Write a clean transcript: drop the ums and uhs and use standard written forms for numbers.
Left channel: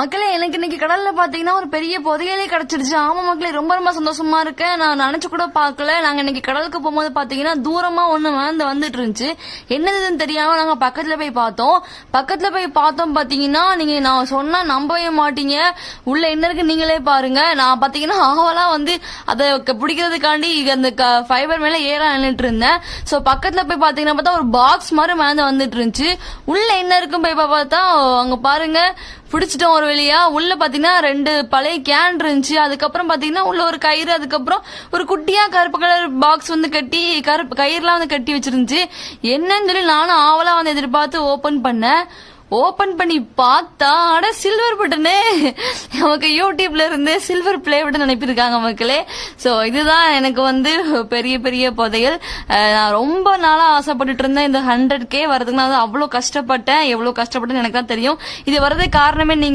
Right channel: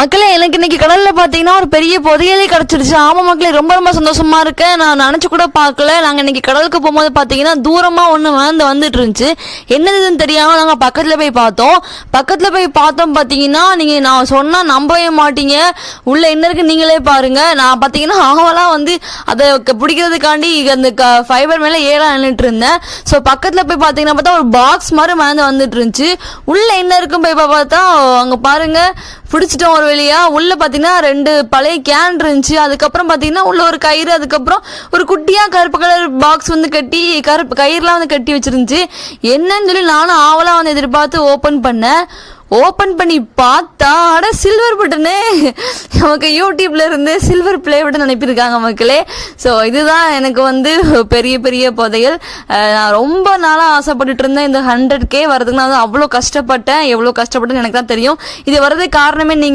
மக்களே, எனக்கு இன்னைக்கு கடல்ல பாத்தீங்கன்னா ஒரு பெரிய புதையலே கிடைச்சிருச்சு. ஆமா மக்களே, ரொம்ப ரொம்ப சந்தோஷமா இருக்கேன். நான் நினைச்சு கூட பார்க்கல. நாங்க இன்னைக்கு கடலுக்கு போகும்போது பாத்தீங்கன்னா தூரமா ஒண்ணு வந்துட்டு இருந்துச்சு. என்னதுன்னு தெரியாம நாங்க பக்கத்துல போய் பார்த்தோம். பாத்தீங்கன்னா நீங்க நான் சொன்னா நம்பவே மாட்டீங்க. உள்ள என்ன இருக்கு நீங்களே பாருங்க. நான் பாத்தீங்கன்னா ஆவலா அதை பிடிக்கிறதுக்காண்டி அந்த ஃபைபர் மேல ஏறா நின்றுட்டு இருந்தேன். சோ பக்கத்துல போய் பாத்தீங்கன்னா பார்த்தா ஒரு பாக்ஸ் மாதிரி வந்துட்டு இருந்துச்சு. உள்ள என்ன இருக்கும் போய் பார்த்தா அங்க பாருங்க, பிடிச்சிட்டோம் ஒரு வழியா. உள்ள பாத்தீங்கன்னா 2 பழைய கேன் இருந்துச்சு. அதுக்கப்புறம் பாத்தீங்கன்னா உள்ள ஒரு கயிறு, அதுக்கப்புறம் ஒரு குட்டியா கருப்பு கலர் பாக்ஸ் கட்டி கருப்பு கயிறுலாம் கட்டி வச்சிருந்துச்சு. என்னன்னு சொல்லி நானும் ஆவலா எதிர்பார்த்து ஓபன் பண்ணி பார்த்தா அட சில்வர் பட்டனே. நமக்கு யூடியூப்ல இருந்து சில்வர் பிளே பட்டன் அனுப்பியிருக்காங்க மக்களே. சோ இதுதான் எனக்கு பெரிய பெரிய புதையல். நான் ரொம்ப நாளா ஆசைப்பட்டுட்டு இருந்தேன் இந்த 100K வரதுக்கு. நான் அவ்வளவு கஷ்டப்பட்டேன். எவ்வளவு கஷ்டப்பட்டேன்னு எனக்கு தான் தெரியும். இது வரதுக்கு காரணமே நீங்க